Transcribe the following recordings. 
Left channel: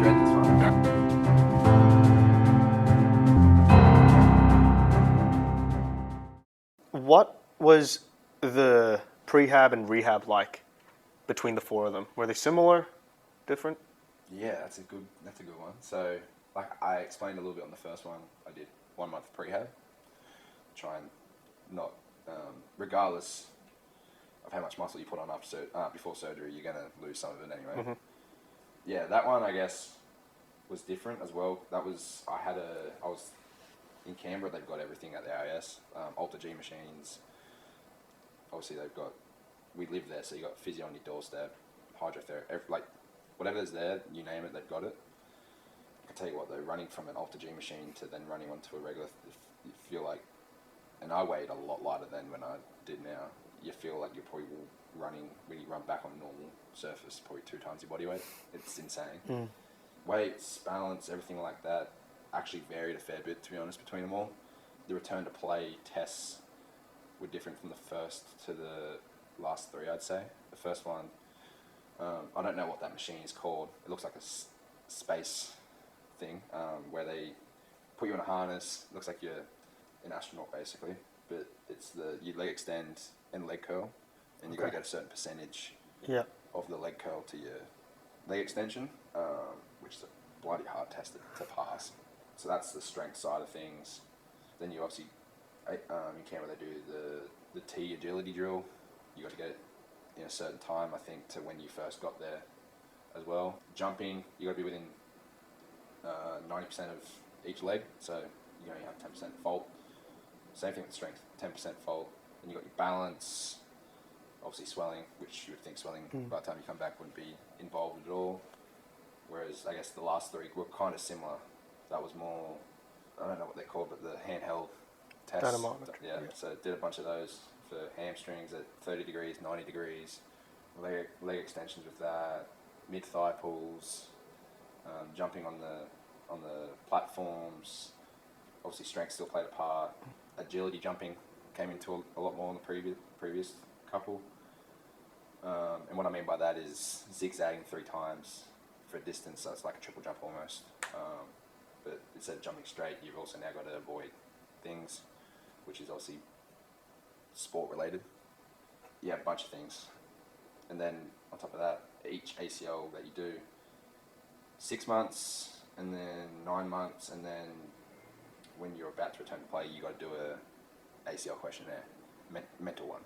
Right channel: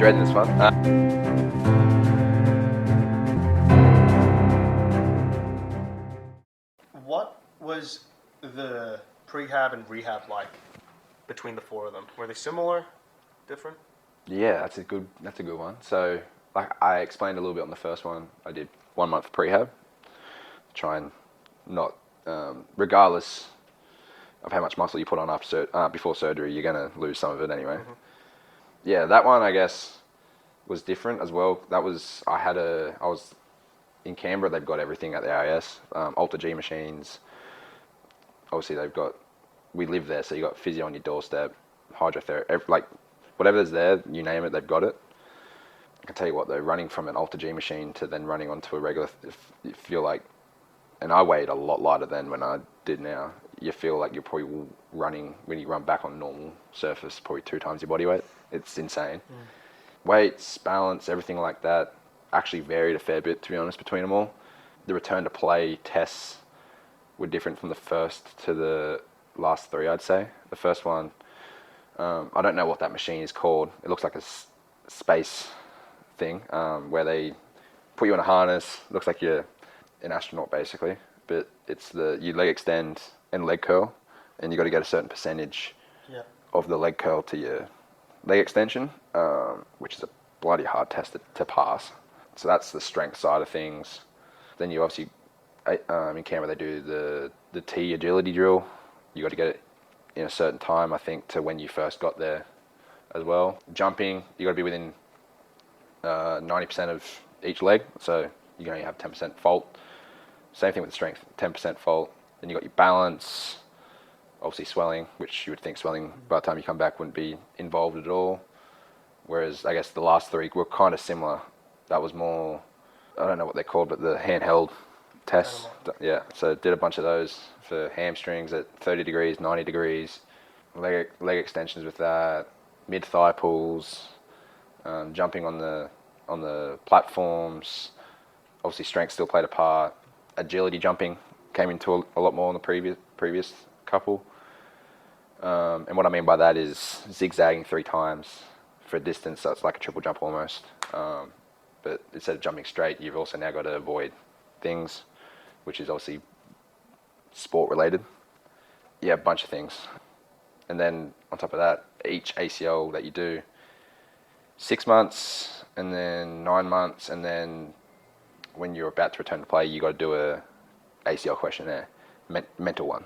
ready this one? What was the prehab and rehab like between the four of them? Were they similar, different? Yeah, that's a good one. So, like I explained a little bit on the first one, I did 1 month of prehab, try and not, regardless of how much muscle you put on before surgery, you're gonna lose some of it anyway. Mm-hmm. Yeah, that one I guess was different as well. I was in Canberra. They've got everything at the AIS, Alter G machines. Obviously, we live there, so you got physio on your doorstep, hydrotherapy, like whatever's there, you name it, they've got it. I can tell you what though, running from an Alter G machine to then running onto a regular, if you're like, and I weighed a lot lighter than when I did now. You feel like you're probably running, when you run back on normal surface, probably 2 times your body weight. It's insane. Weights, balance, everything like that actually varied a fair bit, to be honest, between them all. The return to play tests were different from the first to the last 3, I'd say. The first one, I don't know what that machine is called. It looks like a space thing, where they put you in a harness. It looks like you're an astronaut basically, but it's you leg extend and leg curl, and you got to get a certain percentage of the leg curl to your leg extension, which is a bloody hard test to pass. So that's the strength side of things. Then you obviously, in Canberra they do the T agility drill. You got to get it in a certain time, I think, to when you first got there as well. Jumping, you got to be within 90% of each leg, so you can only have 10% fault. Same thing with strength, 10% fault. Then you got your balance, obviously swelling, which you would think swelling by the time you come back wouldn't be involved at all. Whereas I guess the last 3 were kind of similar. That was more, I don't know what they're called, but the handheld tests. Yeah, so did a bunch of those for hamstrings at 30 degrees, 90 degrees, leg extensions with that, mid-thigh pulls, jumping on the platforms. Obviously strength still played a part. Agility jumping came into a lot more in the previous couple. And what I mean by that is zigzagging 3 times for a distance, so it's like a triple jump almost. But instead of jumping straight, you've also now got to avoid things, which is obviously sport related. Yeah, a bunch of things. And then on top of that, each ACL that you do, 6 months and then 9 months, and then when you're about to return to play, you got to do a ACL questionnaire, mental one.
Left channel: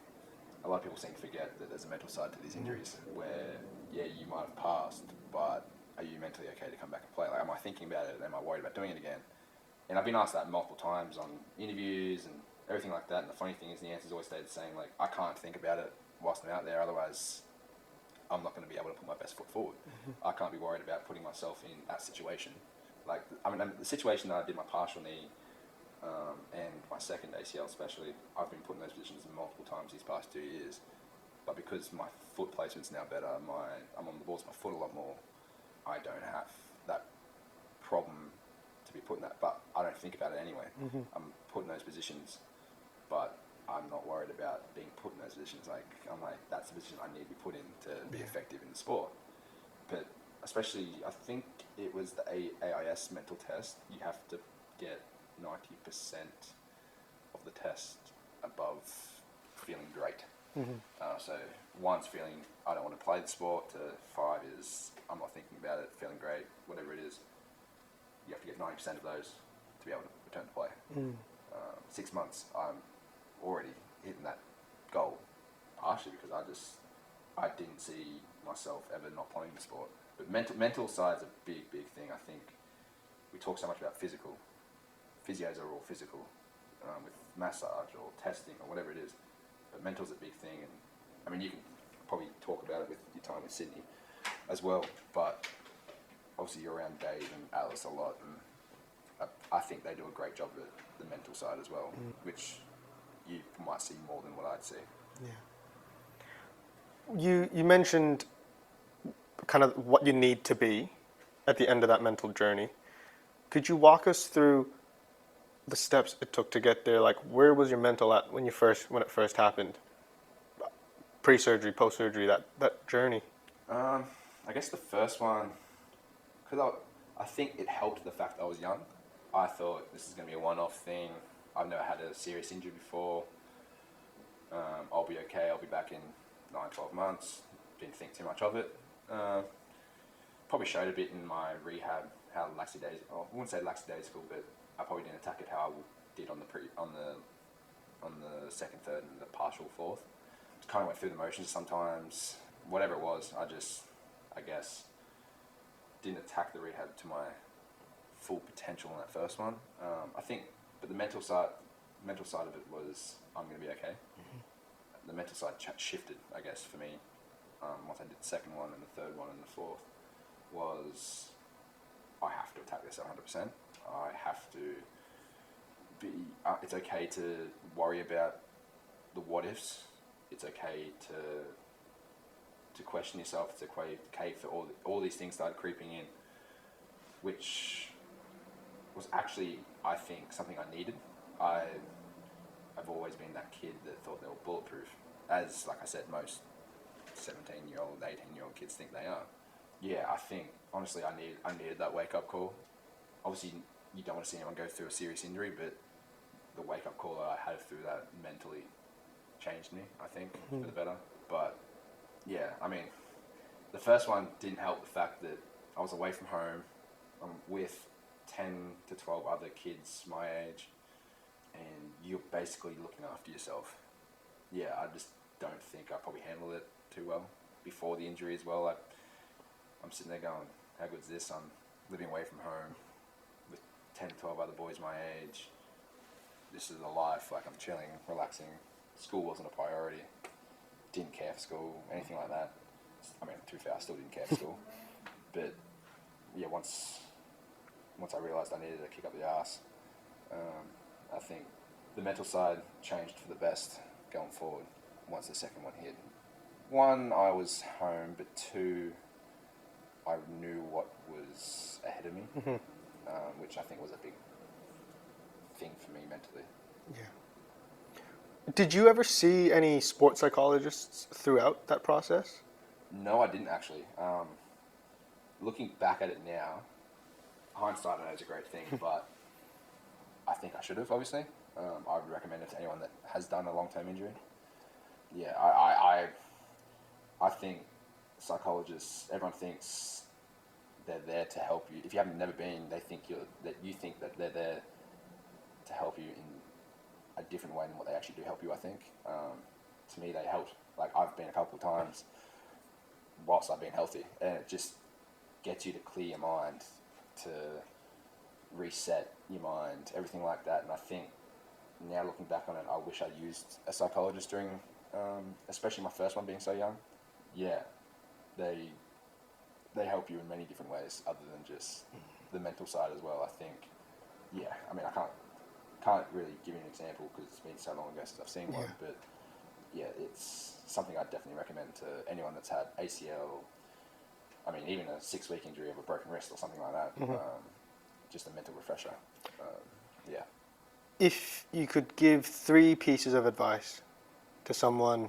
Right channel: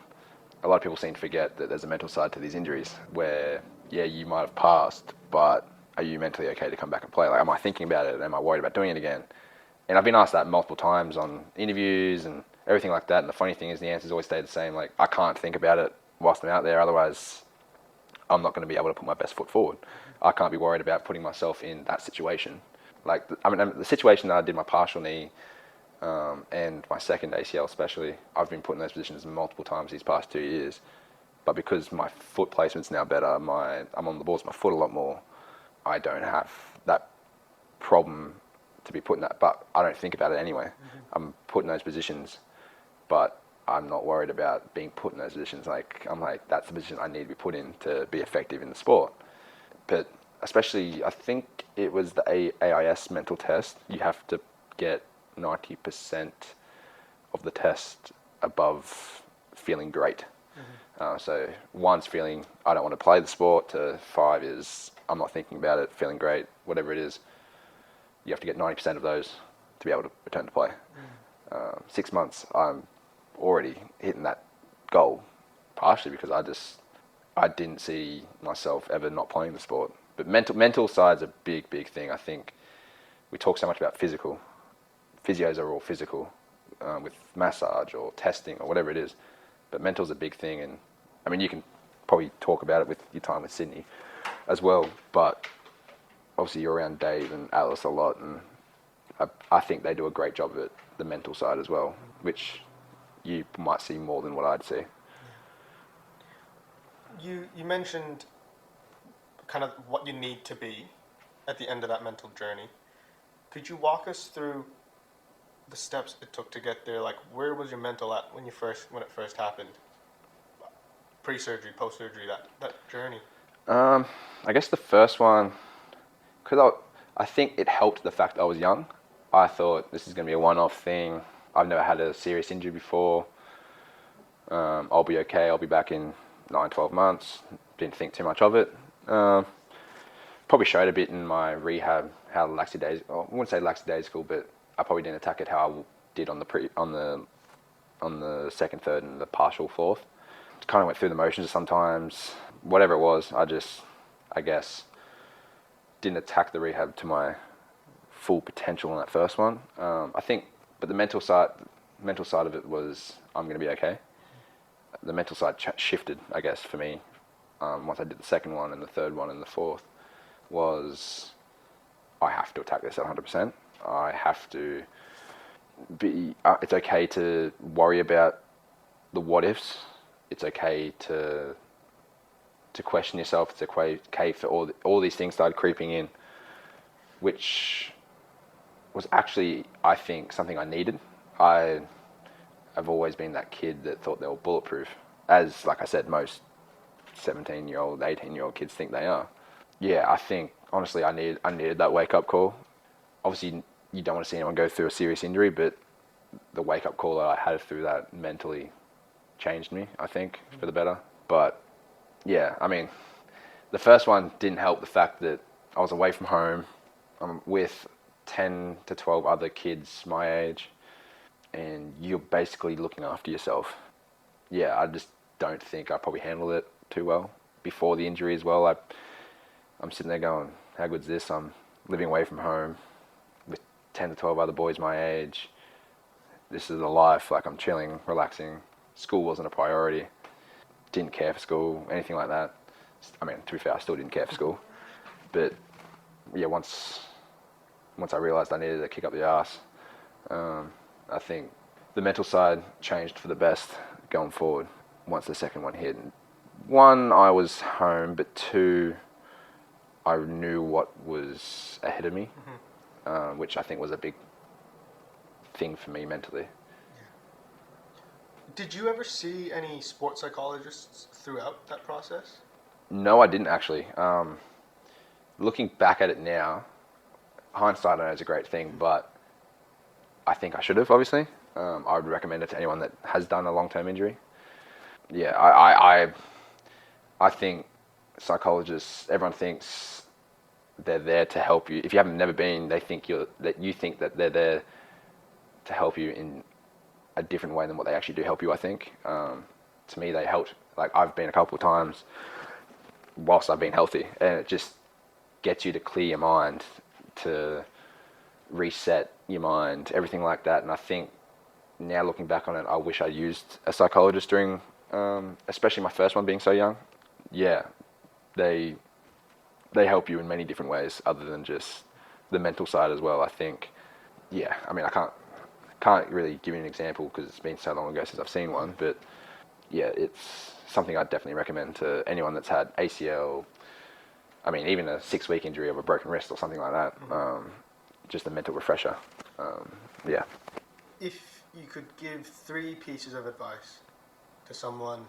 A lot of people seem to forget that there's a mental side to these injuries where, yeah, you might have passed, but are you mentally okay to come back and play? Like, am I thinking about it? Am I worried about doing it again? And I've been asked that multiple times on interviews and everything like that. And the funny thing is the answers always stay the same. Like, I can't think about it whilst I'm out there. Otherwise, I'm not going to be able to put my best foot forward. I can't be worried about putting myself in that situation. Like, the situation that I did my partial knee and my second ACL especially, I've been put in those positions multiple times these past 2 years. But because my foot placement's now better, I'm on the balls of my foot a lot more, I don't have that problem to be put in that. But I don't think about it anyway. I'm put in those positions, but I'm not worried about being put in those positions. I'm like, that's the position I need to be put in to be effective in the sport. But especially, I think it was the AIS mental test. You have to get 90% of the test above feeling great. So 1's feeling, I don't want to play the sport, to 5 is, I'm not thinking about it, feeling great, whatever it is. You have to get 90% of those to be able to return to play. 6 months, I'm already hitting that goal, partially because I didn't see myself ever not playing the sport. But mental side's a big thing. I think we talk so much about physical. Physios are all physical, with massage or testing or whatever it is. But mental's a big thing, and I mean, you can probably talk about it with your time with Sydney as well, but obviously you're around Dave and Alice a lot, and I think they do a great job of it, the mental side as well, which you might see more than what I'd see. You mentioned kind of what you need to be at the end of that mental journey. Could you walk us through the steps it took to get there? Like, where was your mental at when it first happened? Pre-surgery, post-surgery, that journey. I guess the first one, because I think it helped the fact that I was young. I thought this is going to be a one-off thing. I've never had a serious injury before. I'll be okay. I'll be back in 9, 12 months. Didn't think too much of it. Probably showed a bit in my rehab how lackadaisical. I wouldn't say lackadaisical, but I probably didn't attack it how I did on the second, third, and the partial fourth. Kind of went through the motions sometimes. Whatever it was, I guess, didn't attack the rehab to my full potential on that first one. I think, but the mental side of it was I'm going to be okay. The mental side shifted, I guess, for me. Once I did the second one and the third one and the fourth, was I have to attack this at 100%. I have to be. It's okay to worry about the what ifs. It's okay to question yourself. It's okay for all these things started creeping in, which was actually, I think, something I needed. I've always been that kid that thought they were bulletproof, as, like I said, most 17-year-old, 18-year-old kids think they are. Yeah, I think, honestly, I needed that wake-up call. Obviously, you don't want to see anyone go through a serious injury, but the wake-up call that I had through that mentally changed me, I think, for the better. But, yeah, I mean, the first one didn't help the fact that I was away from home. I'm with 10 to 12 other kids my age, and you're basically looking after yourself. Yeah, I just don't think I probably handled it too well before the injury as well. I'm sitting there going, how good's this? I'm living away from home with 10 to 12 other boys my age. This is the life. Like, I'm chilling, relaxing. School wasn't a priority. Didn't care for school, anything like that. I mean, to be fair, I still didn't care for school. But yeah, once I realised I needed to kick up the arse, I think the mental side changed for the best going forward once the second one hit. One, I was home, but two, I knew what was ahead of me, which I think was a big thing for me mentally. Yeah. Did you ever see any sports psychologists throughout that process? No, I didn't actually. Looking back at it now, hindsight I know is a great thing, but I think I should have, obviously. I would recommend it to anyone that has done a long-term injury. Yeah, I think psychologists, everyone thinks they're there to help you. If you haven't never been, you think that they're there to help you in a different way than what they actually do help you, I think. To me, they helped. Like, I've been a couple of times whilst I've been healthy, and it just gets you to clear your mind, to reset your mind, everything like that. And I think now looking back on it, I wish I used a psychologist during, especially my first one being so young. Yeah, they help you in many different ways other than just the mental side as well, I think. Yeah, I mean, I can't really give you an example because it's been so long ago since I've seen one, but yeah, it's something I'd definitely recommend to anyone that's had ACL, I mean, even a 6-week injury of a broken wrist or something like that. Just a mental refresher. Yeah. If you could give 3 pieces of advice to someone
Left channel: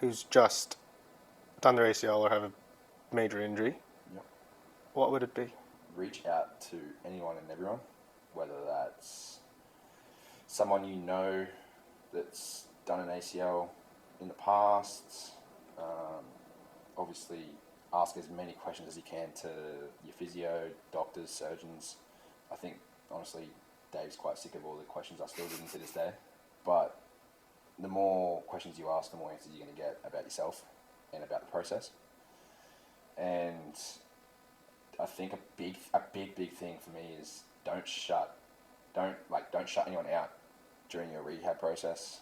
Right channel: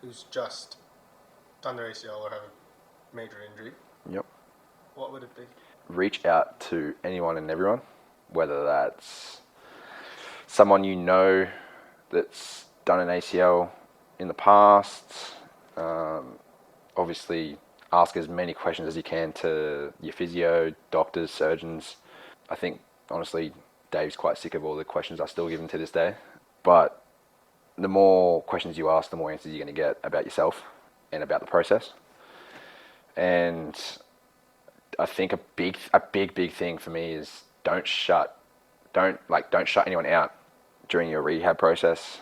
who's just done their ACL or have a major injury, Yep. what would it be? Reach out to anyone and everyone, whether that's someone you know that's done an ACL in the past. Obviously, ask as many questions as you can to your physio, doctors, surgeons. I think, honestly, Dave's quite sick of all the questions I still give him to this day. But the more questions you ask, the more answers you're going to get about yourself and about the process. And I think a big thing for me is don't shut anyone out during your rehab process.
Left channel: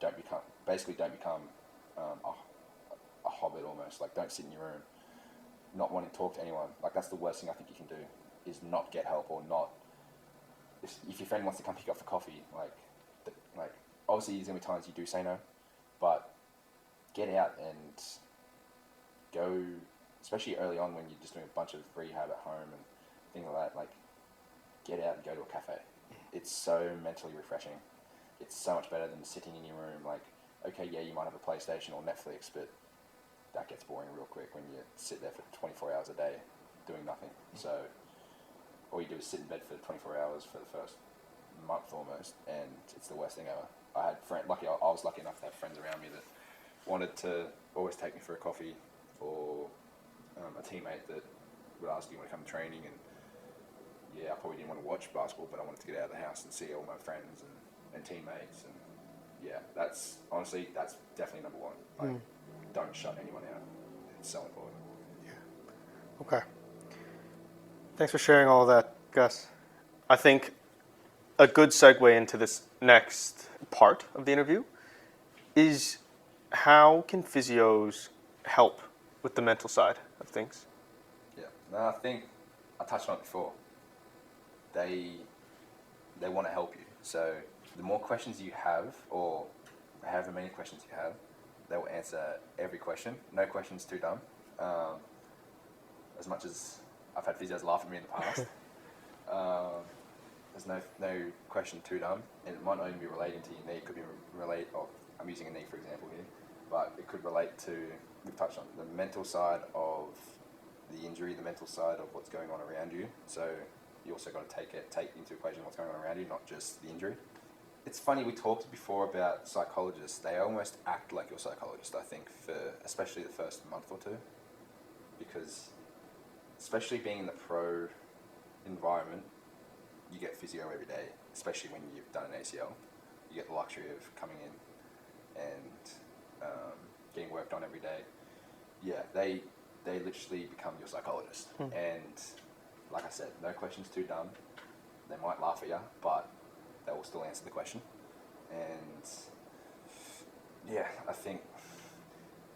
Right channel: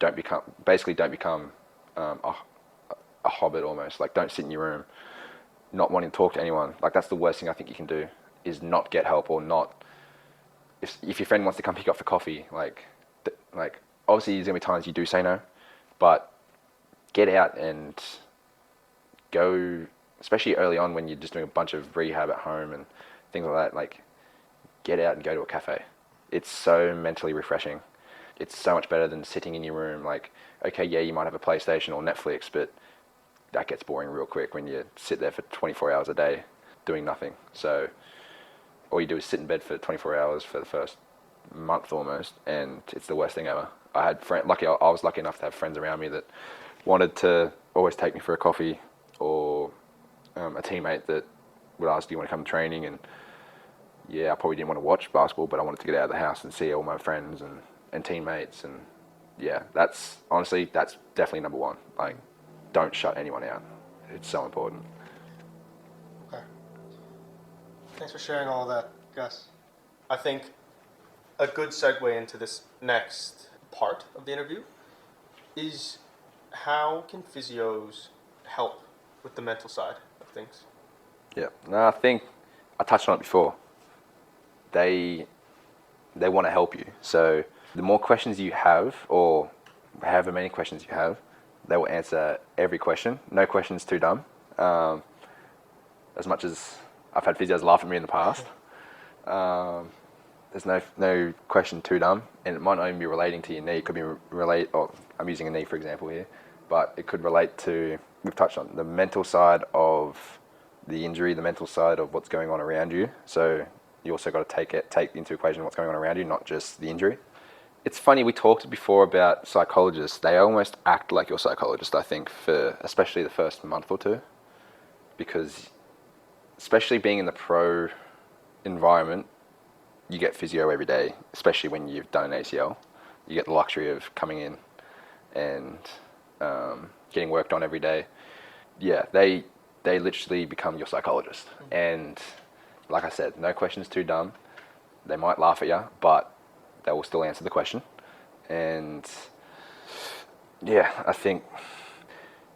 Don't become a hobbit almost. Like, don't sit in your room not wanting to talk to anyone. Like, that's the worst thing I think you can do, is not get help, or not. If your friend wants to come pick you up for coffee, like obviously there's gonna be times you do say no, but get out and go, especially early on when you're just doing a bunch of rehab at home and things like that. Like, get out and go to a cafe. It's so mentally refreshing. It's so much better than sitting in your room. Like, okay, yeah, you might have a PlayStation or Netflix, but that gets boring real quick when you sit there for 24 hours a day doing nothing. So all you do is sit in bed for 24 hours for the first month almost, and it's the worst thing ever. I had I was lucky enough to have friends around me that wanted to always take me for a coffee, or a teammate that would ask, "Do you want to come to training?" And yeah, I probably didn't want to watch basketball, but I wanted to get out of the house and see all my friends and teammates. And yeah, that's definitely number one. Like, don't shut anyone out. It's so important. Okay. Thanks for sharing all that, Gus. I think a good segue into this next part of the interview is how can physios help with the mental side of things? Yeah, no, I think I touched on it before. They want to help you. So the more questions you have, or however many questions you have, they will answer every question. No question's too dumb. As much as I've had physios laugh at me in the past, there's no question too dumb, and it might not even be relating to your knee. It could be I'm using a knee for example here, but it could relate to, we've touched on the mental side of the injury, the mental side of what's going on around you. So you also got to take into equation what's going on around you, not just the injury. It's funny, we talked before about psychologists. They almost act like your psychologist, I think, for especially the first month or two, because especially being in the pro environment, you get physio every day, especially when you've done an ACL. You get the luxury of coming in and getting worked on every day. Yeah, they literally become your psychologist. And like I said, no question's too dumb. They might laugh at you, but they will still answer the question. And yeah, I think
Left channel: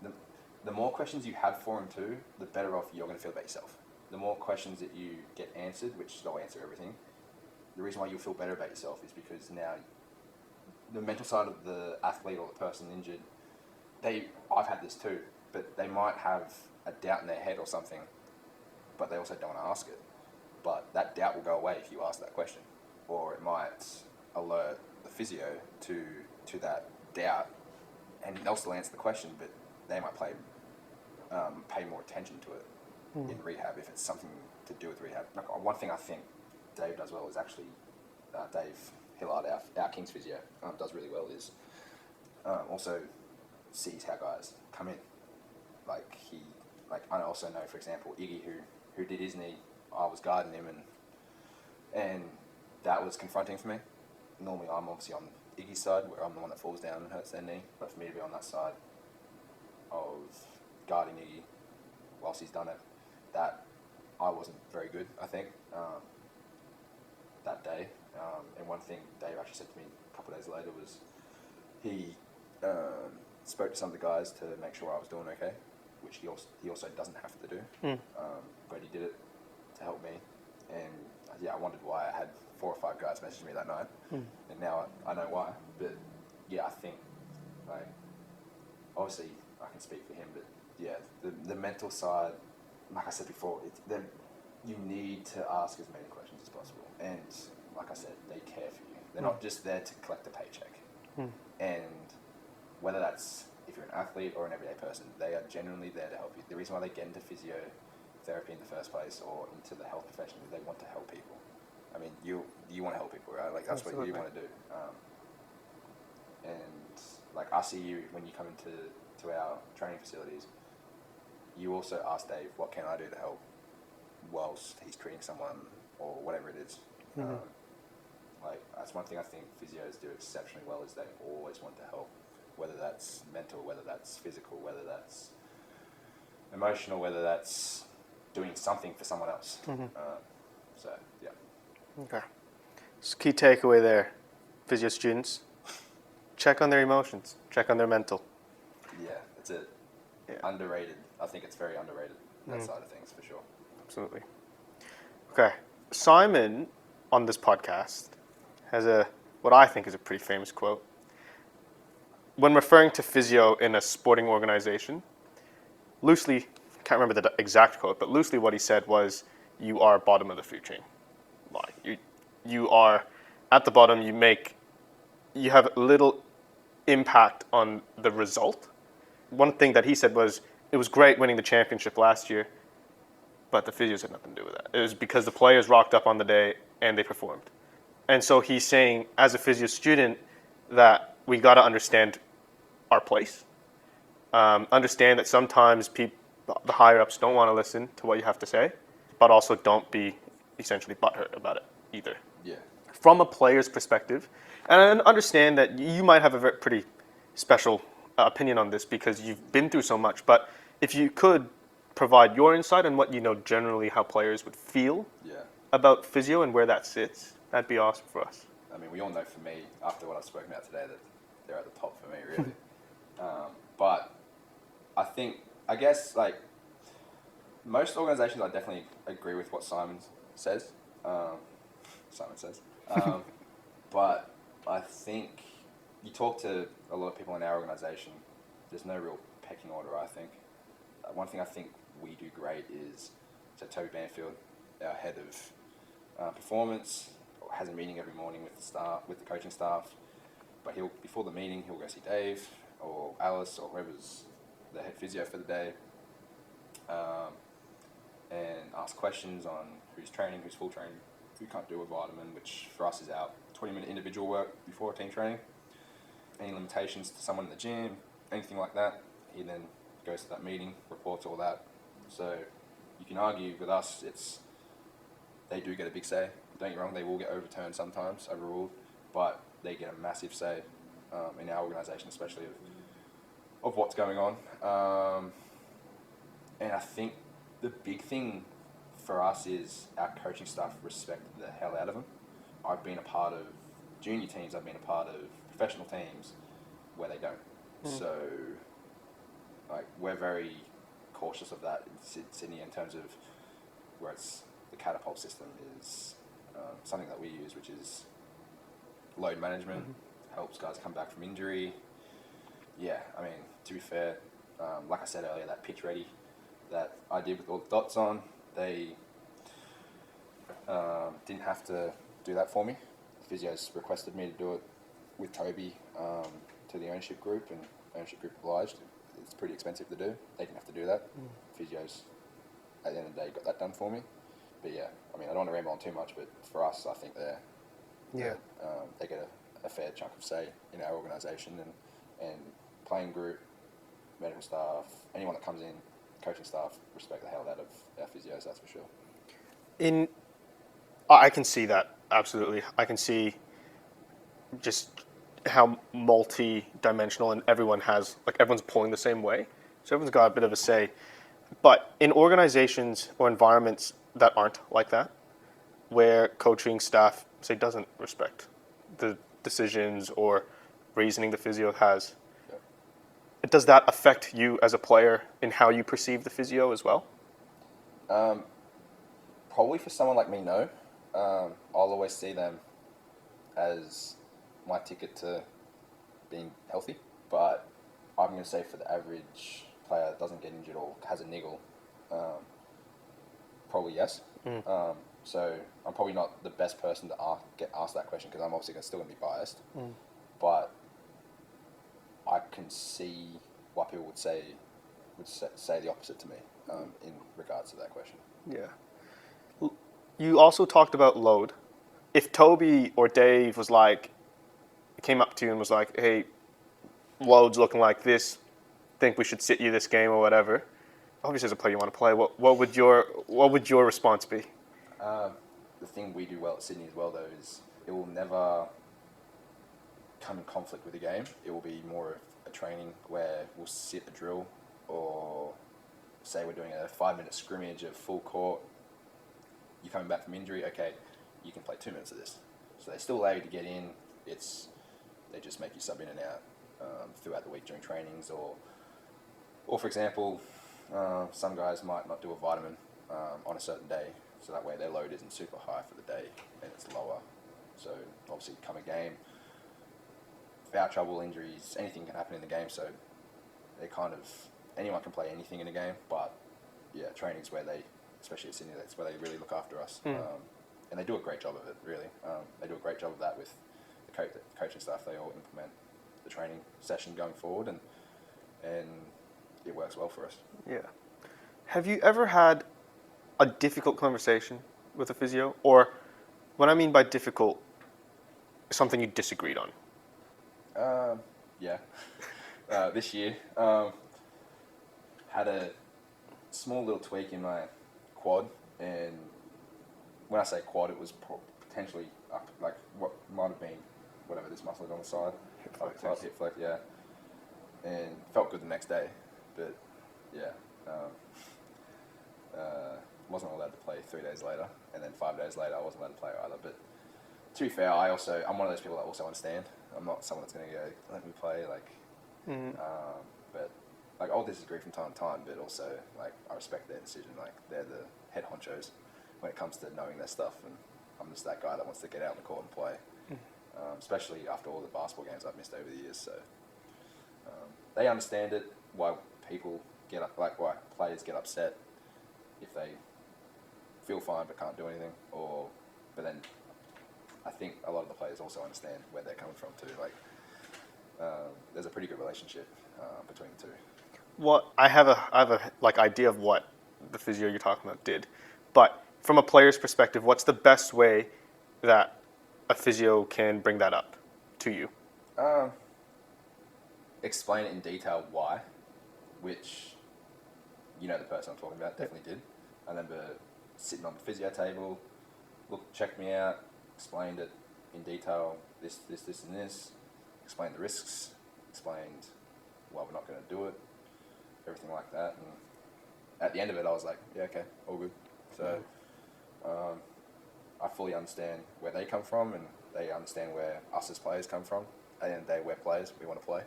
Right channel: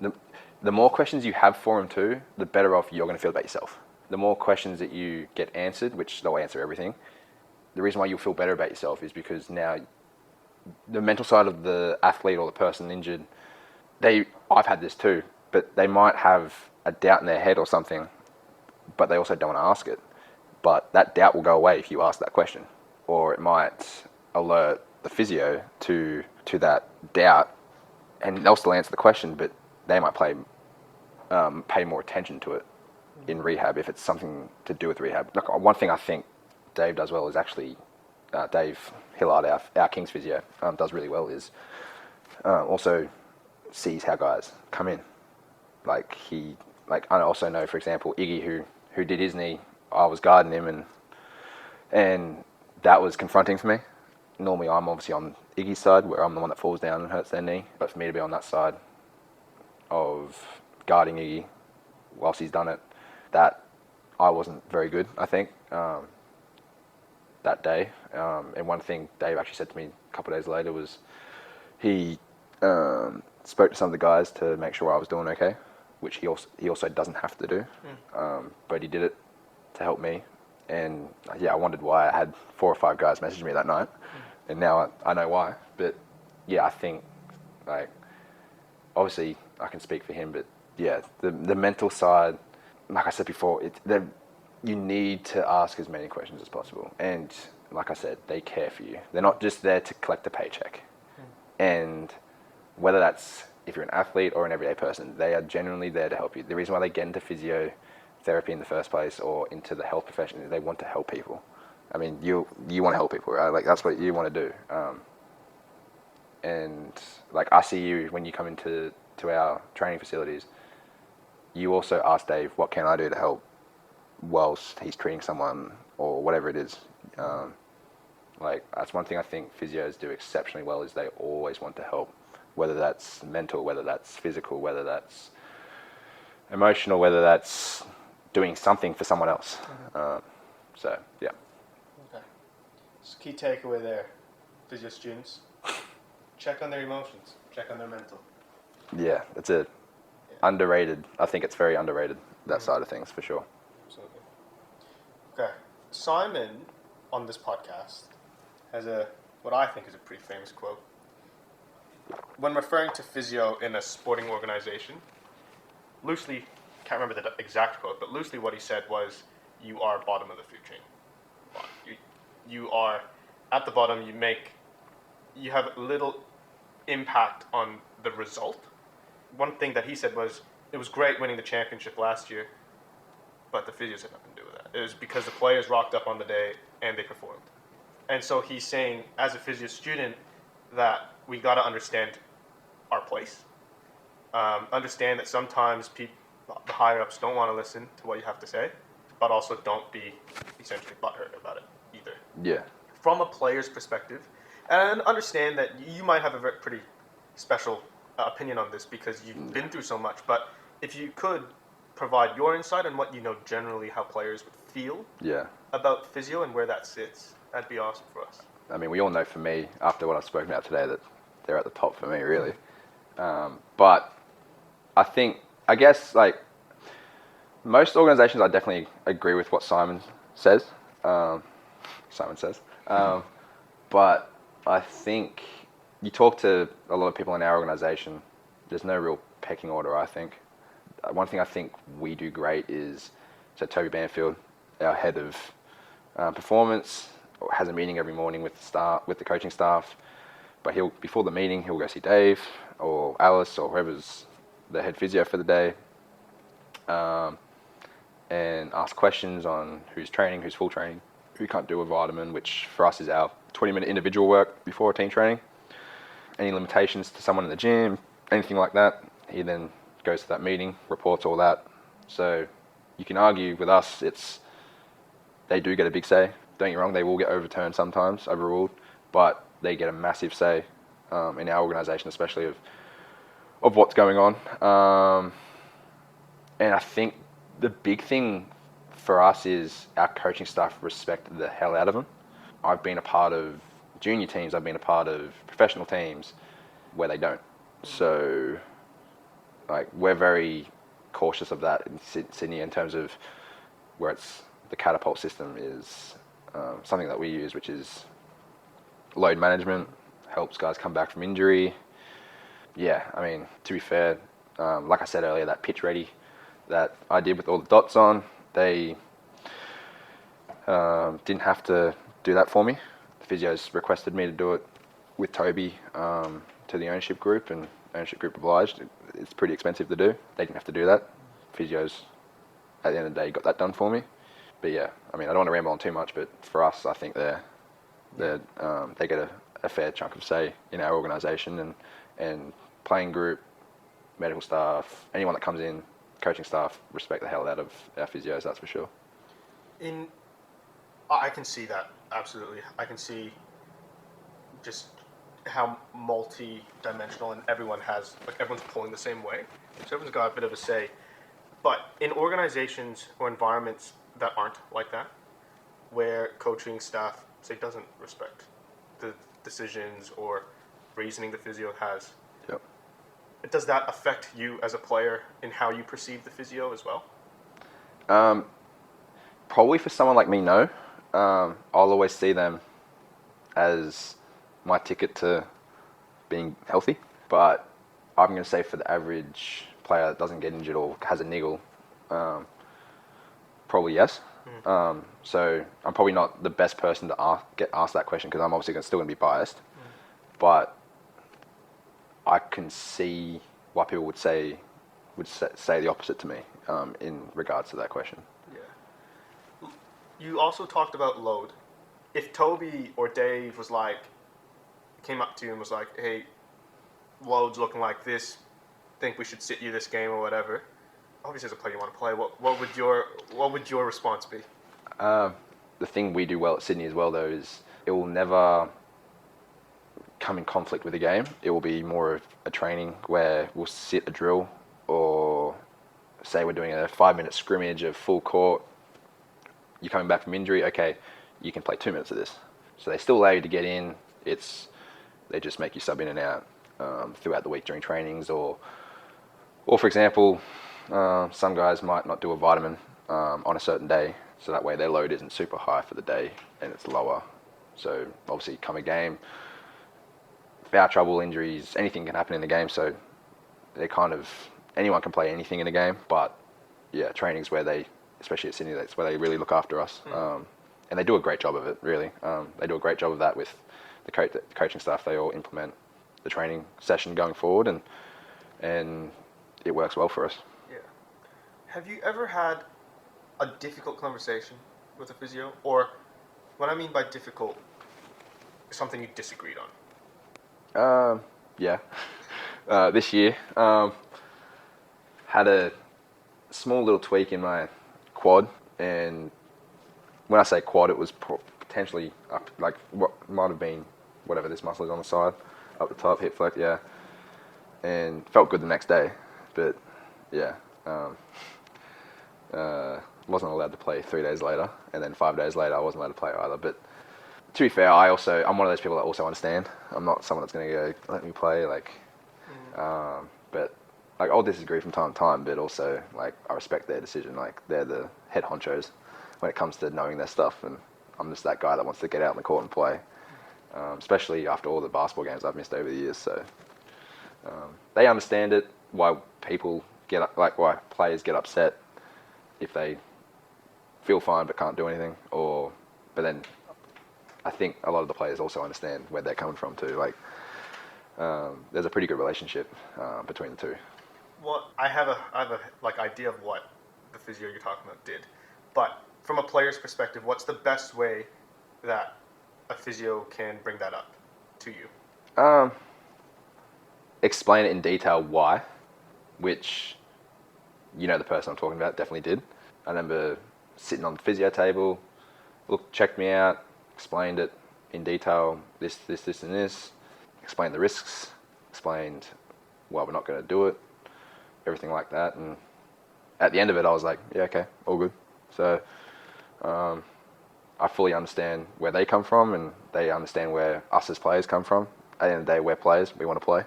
the more questions you have for them too, the better off you're going to feel about yourself. The more questions that you get answered, which they'll answer everything, the reason why you'll feel better about yourself is because now the mental side of the athlete or the person injured, I've had this too, but they might have a doubt in their head or something, but they also don't want to ask it. But that doubt will go away if you ask that question, or it might alert the physio to that doubt, and they'll still answer the question, but they might pay more attention to it in rehab if it's something to do with rehab. Like, one thing I think Dave does well is actually Dave Hillard, our King's physio, does really well is also sees how guys come in. I also know, for example, Iggy, who did his knee, I was guarding him, and that was confronting for me. Normally, I'm obviously on Iggy's side, where I'm the one that falls down and hurts their knee. But for me to be on that side of guarding Iggy whilst he's done it, that I wasn't very good, I think, that day. And one thing Dave actually said to me a couple of days later was he spoke to some of the guys to make sure I was doing okay, which he also doesn't have to do, but he did it to help me. And yeah, I wondered why I had 4 or 5 guys message me that night, and now I know why. But yeah, I think, like, obviously I can speak for him, but yeah, the mental side, like I said before, you need to ask as many questions as possible. And like I said, they care for you. They're not just there to collect a paycheck. And whether that's, if you're an athlete or an everyday person, they are genuinely there to help you. The reason why they get into physiotherapy in the first place, or into the health profession, is they want to help people. I mean, you want to help people, right? Like, that's what you want to do. And like, I see you when you come into our training facilities, you also ask Dave, what can I do to help whilst he's treating someone, or whatever it is. Like, that's one thing I think physios do exceptionally well, is they always want to help, whether that's mental, whether that's physical, whether that's emotional, whether that's doing something for someone else. So yeah. Okay. So key takeaway there, physio students, check on their emotions, check on their mental. Yeah, it's underrated. I think it's very underrated, that side of things, for sure. Absolutely. Okay. Simon, on this podcast, has what I think is a pretty famous quote. When referring to physio in a sporting organization, loosely, can't remember the exact quote, but loosely what he said was, you are bottom of the food chain. You are at the bottom, you have little impact on the result. One thing that he said was, it was great winning the championship last year, but the physios had nothing to do with that. It was because the players rocked up on the day and they performed. And so he's saying, as a physio student, that we got to understand our place. Understand that sometimes the higher ups don't want to listen to what you have to say, but also don't be essentially butthurt about it either. Yeah. From a player's perspective, and I understand that you might have a pretty special opinion on this because you've been through so much, but if you could provide your insight on what you know generally how players would feel about physio and where that sits, that'd be awesome for us. I mean, we all know for me, after what I've spoken about today, that they're at the top for me, really. But I guess, like, most organizations, I definitely agree with what Simon says. But I think you talk to a lot of people in our organization, there's no real pecking order, I think. One thing I think we do great is, so Toby Banfield, our head of performance, has a meeting every morning with the coaching staff. But before the meeting, he'll go see Dave or Alice or whoever's the head physio for the day, and ask questions on who's training, who's full training, who can't do a vitamin, which for us is our 20-minute individual work before team training. Any limitations to someone in the gym, anything like that, he then goes to that meeting, reports all that. So you can argue with us, they do get a big say. Don't get me wrong, they will get overturned sometimes, overruled, but they get a massive say in our organisation, especially of what's going on. And I think the big thing for us is our coaching staff respect the hell out of them. I've been a part of junior teams, I've been a part of professional teams where they don't. So, like, we're very cautious of that in Sydney in terms of where the catapult system is something that we use, which is load management, helps guys come back from injury. Yeah, I mean, to be fair, like I said earlier, that pitch ready that I did with all the dots on, they didn't have to do that for me. The physios requested me to do it with Toby to the ownership group, and ownership group obliged. It's pretty expensive to do. They didn't have to do that. Physios, at the end of the day, got that done for me. But yeah, I mean, I don't want to ramble on too much, but for us, I think they get a fair chunk of say in our organisation, and playing group, medical staff, anyone that comes in, coaching staff, respect the hell out of our physios, that's for sure. I can see that, absolutely. I can see just how multi-dimensional and everyone's pulling the same way. So everyone's got a bit of a say. But in organizations or environments that aren't like that, where coaching staff, say, doesn't respect the decisions or reasoning the physio has, does that affect you as a player in how you perceive the physio as well? Probably for someone like me, no. I'll always see them as my ticket to being healthy. But I'm going to say for the average player that doesn't get injured or has a niggle, probably yes. So I'm probably not the best person to get asked that question because I'm obviously still going to be biased. But I can see why people would say the opposite to me in regards to that question. Yeah. You also talked about load. If Toby or Dave came up to you and was like, hey, load's looking like this, think we should sit you this game or whatever, obviously as a player you want to play, what would your response be? The thing we do well at Sydney as well, though, is it will never come in conflict with the game. It will be more of a training where we'll sit a drill, or say we're doing a 5-minute scrimmage of full court. You're coming back from injury, okay, you can play 2 minutes of this. So they still allow you to get in. They just make you sub in and out throughout the week during trainings, or for example, some guys might not do a vitamin on a certain day, so that way their load isn't super high for the day and it's lower. So obviously come a game, foul trouble, injuries, anything can happen in the game, so anyone can play anything in a game, but yeah, training's where especially at Sydney, that's where they really look after us. And they do a great job of it, really. They do a great job of that with the coaching staff. They all implement the training session going forward, and it works well for us. Yeah. Have you ever had a difficult conversation with a physio? Or what I mean by difficult, something you disagreed on? Yeah. This year, had a small little tweak in my quad, and when I say quad, it was potentially up, like what might have been whatever this muscle is on the side, up the top, hip flex, yeah, and felt good the next day, but yeah, wasn't allowed to play 3 days later, and then 5 days later I wasn't allowed to play either. But to be fair, I'm one of those people that also understand. I'm not someone that's going to go let me play like, but like I'll disagree from time to time, but also like I respect their decision. Like they're the head honchos when it comes to knowing their stuff, and I'm just that guy that wants to get out on the court and play, especially after all the basketball games I've missed over the years. So they understand it. Why people why players get upset if they feel fine but can't do anything, but then I think a lot of the players also understand where they're coming from too. Like there's a pretty good relationship between the two. What I have a like idea of what the physio you're talking about did, but from a player's perspective, what's the best way that a physio can bring that up to you? Explain it in detail why, which the person I'm talking about definitely did. I remember sitting on the physio table, checked me out, explained it in detail, this, and this, explained the risks, explained why we're not going to do it, everything like that. And at the end of it, I was like, yeah, okay, all good. So I fully understand where they come from, and they understand where us as players come from. At the end of the day, we're players, we want to play.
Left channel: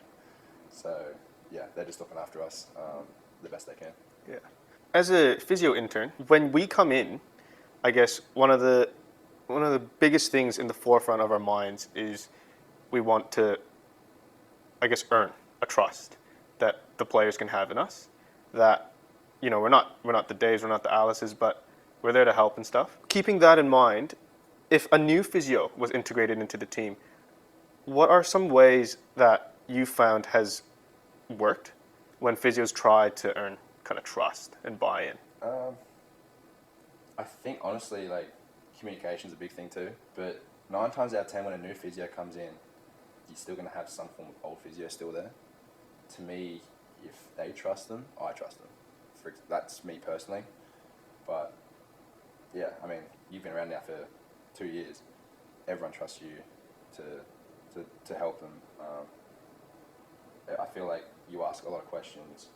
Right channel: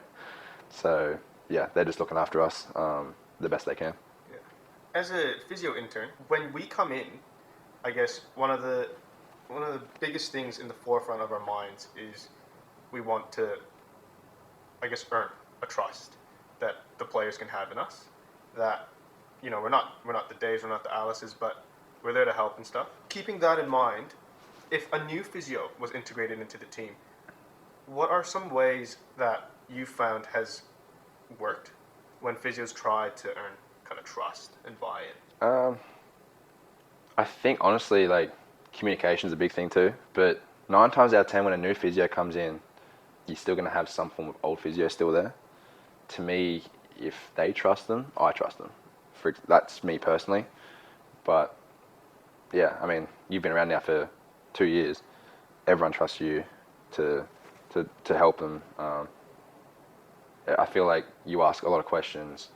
So yeah, they're just looking after us the best they can. Yeah. As a physio intern, when we come in, I guess one of the biggest things in the forefront of our minds is we want to, I guess, earn a trust that the players can have in us. That we're not the Daves, we're not the Alices, but we're there to help and stuff. Keeping that in mind, if a new physio was integrated into the team, what are some ways that you found has worked when physios try to earn kind of trust and buy-in? I think honestly, like communication is a big thing too. But 9 times out of 10, when a new physio comes in, you're still going to have some form of old physio still there. To me, if they trust them, I trust them. That's me personally. But yeah, I mean, you've been around now for 2 years. Everyone trusts you to help them. I feel like you ask a lot of questions.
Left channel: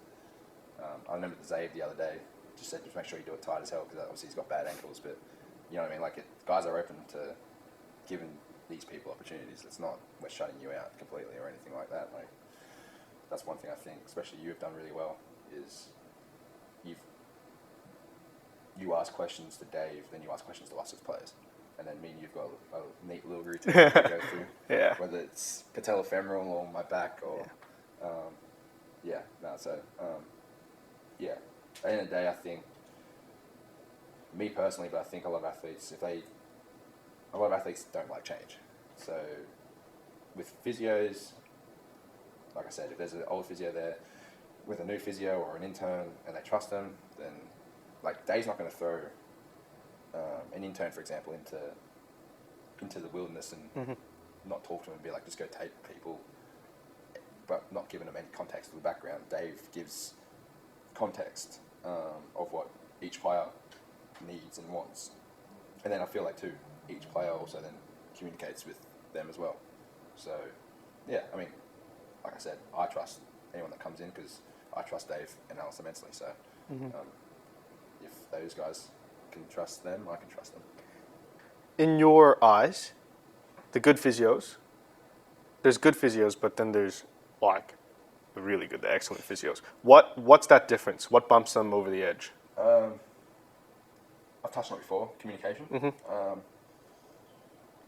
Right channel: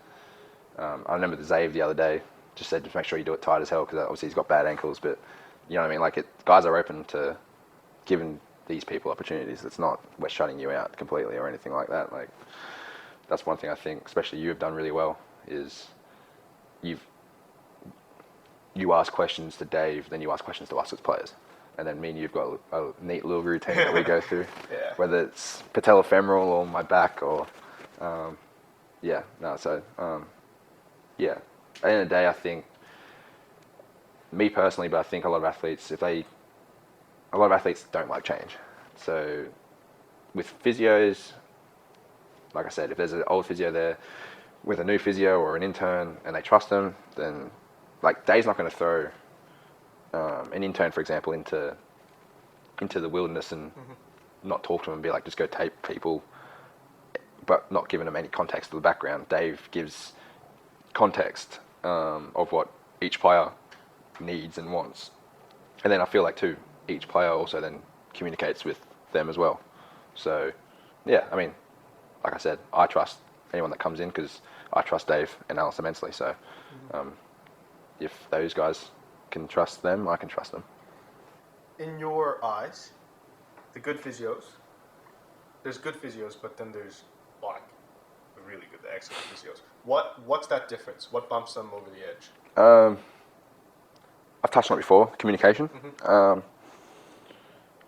I remember the Zave the other day just said, just make sure you do it tight as hell, because obviously he's got bad ankles, but you know what I mean? Like guys are open to giving these people opportunities. It's not we're shutting you out completely or anything like that. Like that's one thing I think, especially you have done really well, is you ask questions to Dave, then you ask questions to us as players. And then me and you've got a neat little routine that we go through. Yeah. Whether it's patellofemoral or my back or, yeah. At the end of the day, I think, me personally, but I think a lot of athletes don't like change. So with physios, like I said, if there's an old physio there with a new physio or an intern and they trust them, then like Dave's not going to throw an intern, for example, into the wilderness and not talk to them and be like, just go tape people, but not giving them any context to the background. Dave gives context of what each player needs and wants. And then I feel like too, each player also then communicates with them as well. So yeah, I mean, like I said, I trust anyone that comes in because I trust Dave and Alice immensely. So if those guys can trust them, I can trust them. In your eyes, the good physios, there's good physios, but then there's like the really good, the excellent physios. What's that difference? What bumps them over the edge? I've touched on it before, communication.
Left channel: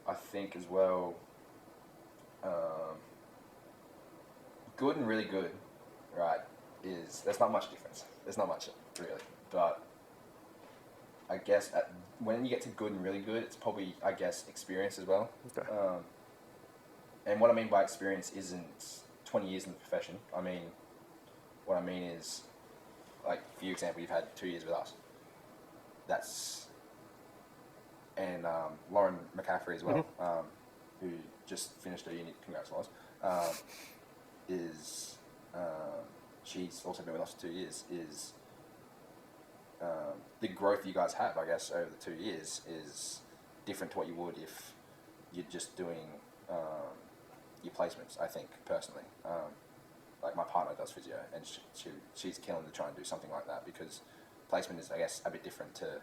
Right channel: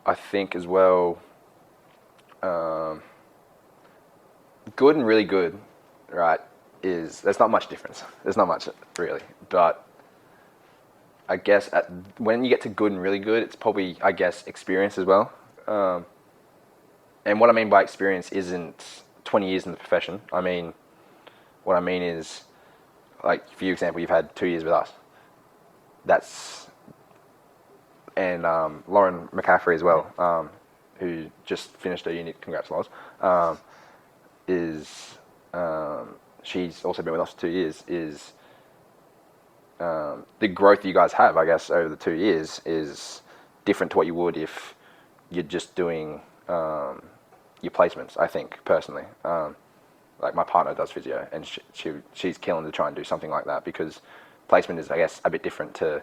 I think as well, good and really good, right, there's not much difference. There's not much really. But I guess when you get to good and really good, it's probably, I guess, experience as well. Okay. And what I mean by experience isn't 20 years in the profession. What I mean is, like, for example, you've had 2 years with us. that's and Lauren McCaffrey as well, who just finished her uni. Congrats, Loz. Is she's also been with us for 2 years. Is the growth you guys have, I guess, over the 2 years is different to what you would if you're just doing your placements. I think personally, like my partner does physio, and she's killing to try and do something like that, because placement is, I guess, a bit different to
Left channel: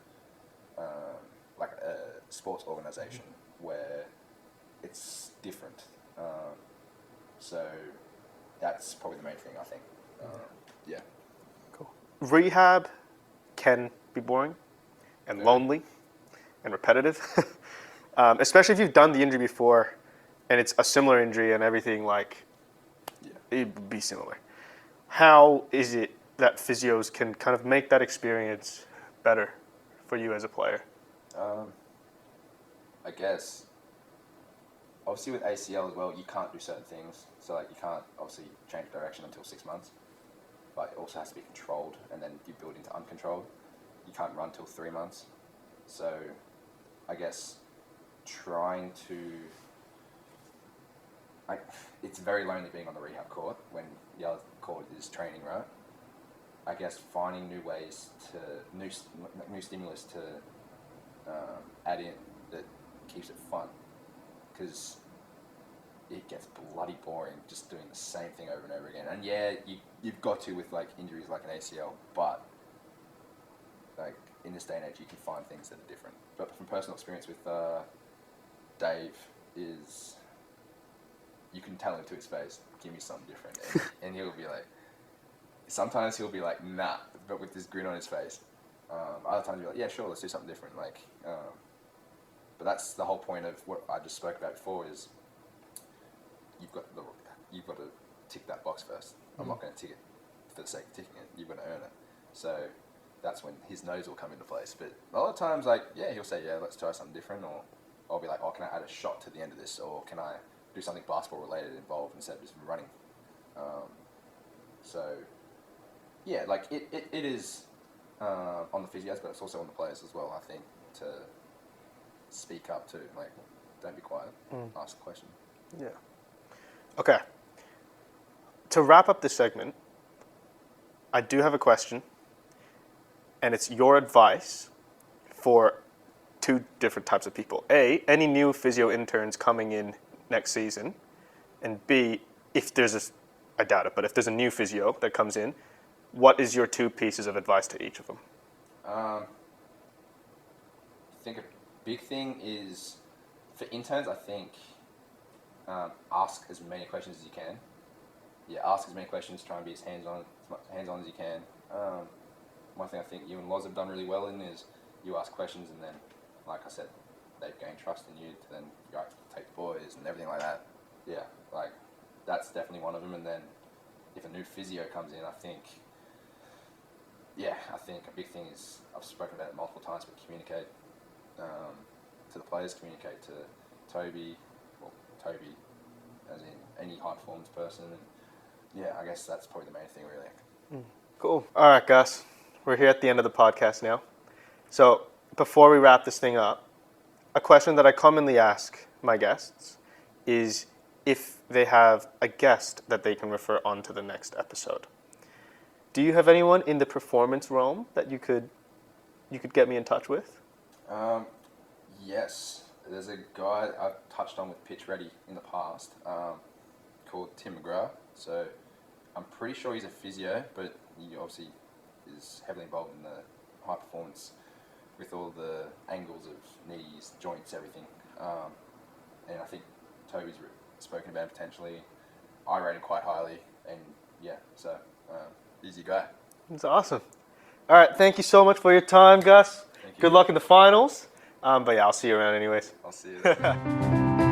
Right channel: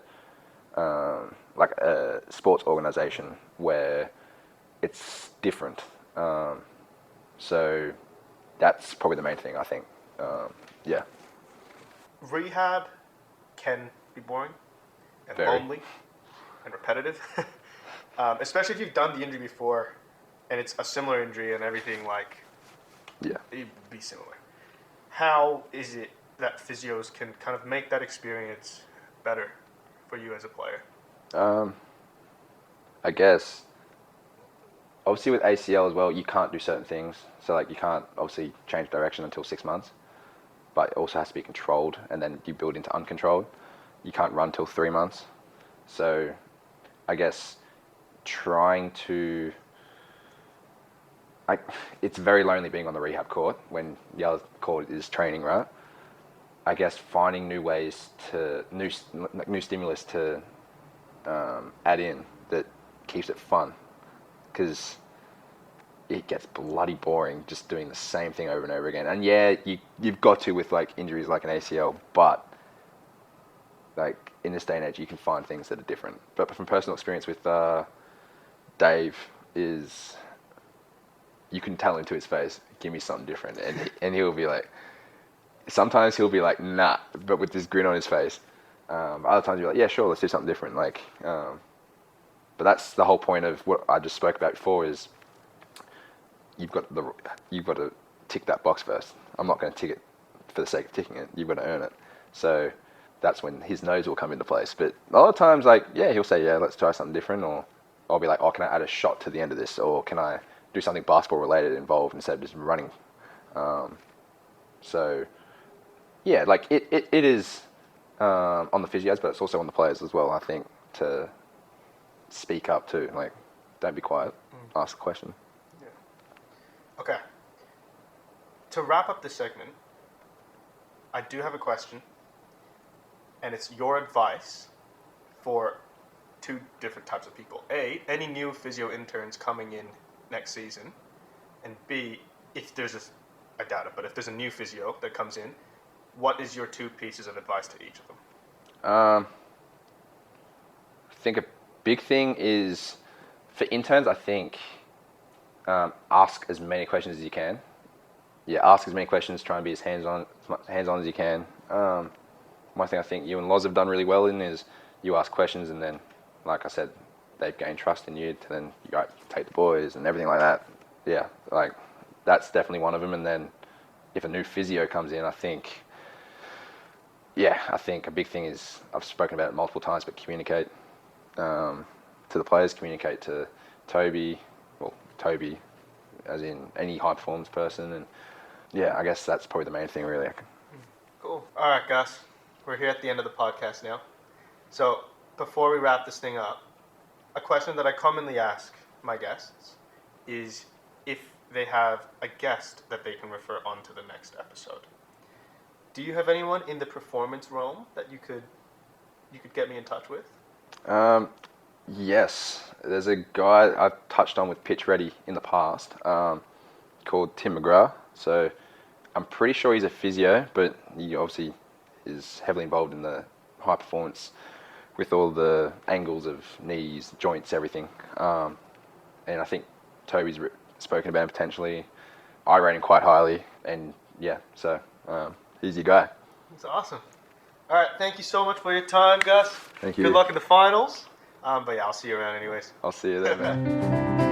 like a sports organization where it's different. So that's probably the main thing, I think. Yeah. Rehab can be boring and Very. lonely and repetitive, especially if you've done the injury before and it's a similar injury and everything, like, Yeah. it would be similar. How is it that physios can kind of make that experience better for you as a player? I guess, obviously with ACL as well, you can't do certain things. So like you can't obviously change direction until 6 months, but it also has to be controlled, and then you build into uncontrolled. You can't run till 3 months. So I guess trying to, it's very lonely being on the rehab court when the other court is training, right? I guess finding new ways to, new stimulus to add in that keeps it fun, because it gets bloody boring just doing the same thing over and over again. And yeah, you've got to with like injuries like an ACL, but like in this day and age, you can find things that are different. But from personal experience with Dave, is you can tell him to his face, give me something different, and he'll be like, sometimes he'll be like, nah, but with this grin on his face. Other times you're like, yeah, sure, let's do something different. Like, but that's the whole point of what I just spoke about before, is you've got to tick that box first. I'm not going to tick it for the sake of ticking it. You've got to earn it. So that's when his nose will come into place. But a lot of times, like, yeah, he'll say, yeah, let's try something different. Or I'll be like, oh, can I add a shot to the end of this? Or can I do something basketball related involved instead of just running? So yeah, like it is on the physios, but it's also on the players as well, I think, to speak up too. Like, don't be quiet, ask a question. Yeah. Okay. To wrap up this segment, I do have a question, and it's your advice for 2 different types of people. A, any new physio interns coming in next season, and B, if there's I doubt it, but if there's a new physio that comes in, what is your 2 pieces of advice to each of them? I think a big thing is for interns, I think ask as many questions as you can. Yeah, ask as many questions, try and be as hands-on as you can. One thing I think you and Loz have done really well in is you ask questions, and then, like I said, they've gained trust in you to then you take the boys and everything like that. Yeah, like that's definitely one of them. And then if a new physio comes in, I think a big thing is, I've spoken about it multiple times, but communicate to the players, communicate to Toby as in any high performance person. And yeah, I guess that's probably the main thing, really. Cool. All right, Gus, we're here at the end of the podcast now. So before we wrap this thing up, a question that I commonly ask my guests is if they have a guest that they can refer on to the next episode. Do you have anyone in the performance realm that you could get me in touch with? Yes, there's a guy I've touched on with Pitch Ready in the past, called Tim McGrath. So I'm pretty sure he's a physio, but he obviously is heavily involved in the high performance with all the angles of knees, joints, everything. And I think Toby's spoken about him potentially. I rate him quite highly, and yeah, so he's your guy. That's awesome. All right, thank you so much for your time, Gus. Thank you. Good luck in the finals. But yeah, I'll see you around anyways. I'll see you there, man.